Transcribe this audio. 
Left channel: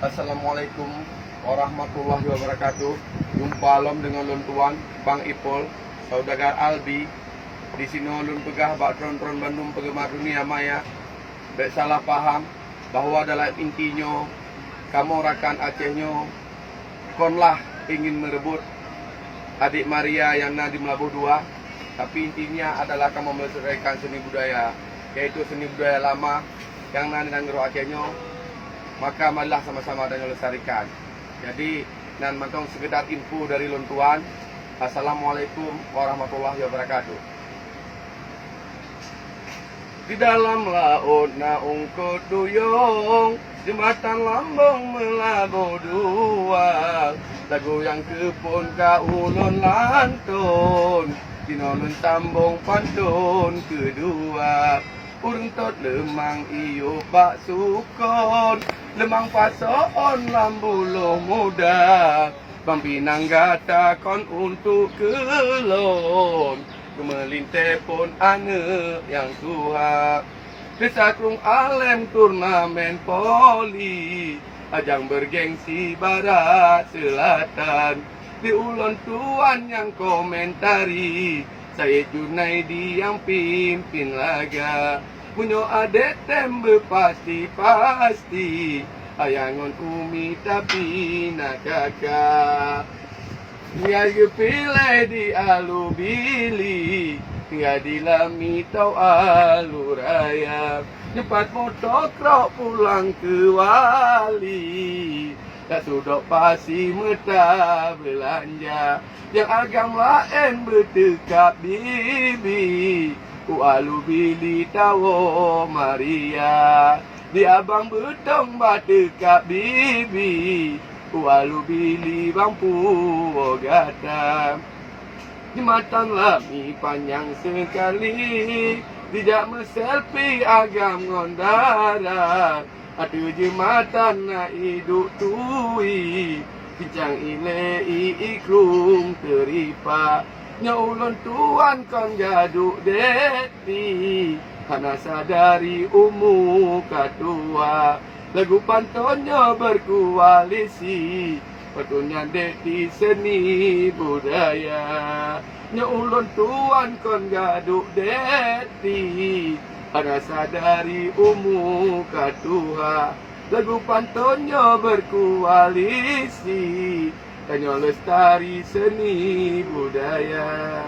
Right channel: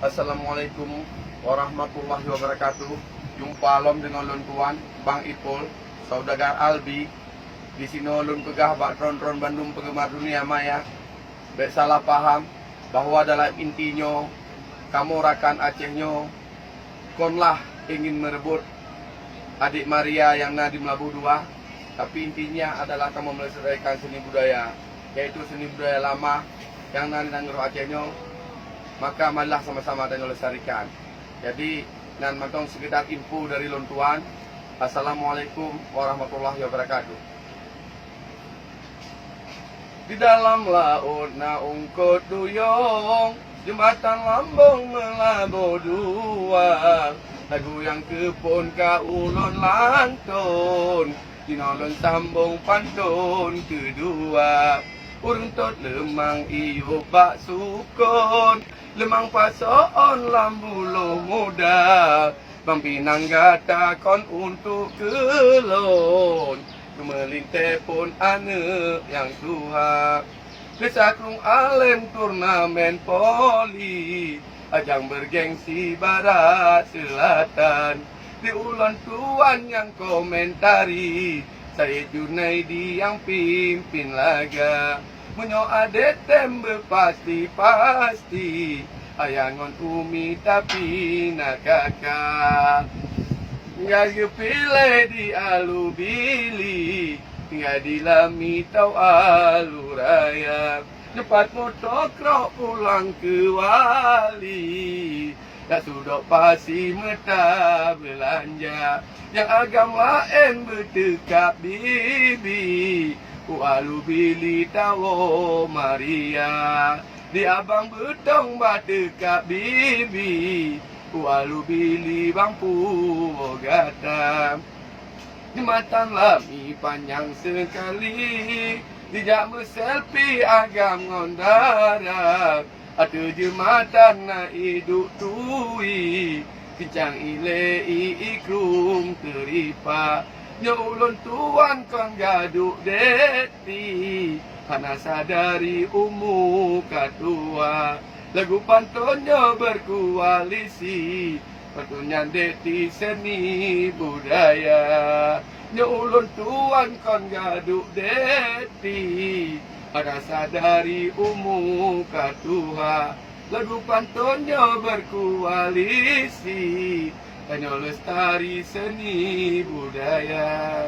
Assalamualaikum warahmatullahi wabarakatuh. Jumpa lom dengan lon tuan Bang Ipol, saudagar Albi. Di sini lon pegah bak tron-tron Bandung penggemar dunia maya. Bek salah paham bahwa dalam intinya kamu rakan Acehnya konlah ingin merebut adik Maria yang di Melabuh 2. Tapi intinya adalah kamu melestarikan seni budaya, yaitu seni budaya lama yang di Nanggero Acehnya. Maka marilah sama-sama dan lestarikan. Jadi nan mantong sekedar info dari lon tuan. Assalamualaikum warahmatullahi wabarakatuh. Di dalam laut naung duyung, jembatan lambung Melabuh 2. Lagu yang kepun kaulon lantun, dinolon sambung pantun kedua. Urung tot lemang iyo bak sukon, lemang pason lambuluh muda. Bang Pinang gata kon untuk kelon, kemelinte pun ane yang tua. Desakrung alem turnamen poli, ajang bergengsi barat selatan. Di ulon tuan yang komentari, saya Junaidi yang pimpin laga. Munyo ade tembe pasti-pasti, ayangon umi tapi nak kakak. Tinggal kepilih di alubili, tinggal di lami tau aluraya. Cepat motokrok pulang ke wali, tak sudok pasi meta belanja. Yang agam lain bertekap bibi, alu bili tawo Maria. Di abang betong bertekap bibi, alu bili bang Purwogata. Jembatan lami panjang sekali, dijak selfie agam ngondara. Ada jembatan na hidup tui, bincang ile ikrum teripa. Nyaulon tuan kon gaduk deti, hana sadari umu katua. Lagu pantonnya berkoalisi, patunya deti seni budaya. Nyaulon tuan kon gaduk deti, hana sadari umu katua. Lagu pantonnya berkoalisi, tanya lestari seni budaya.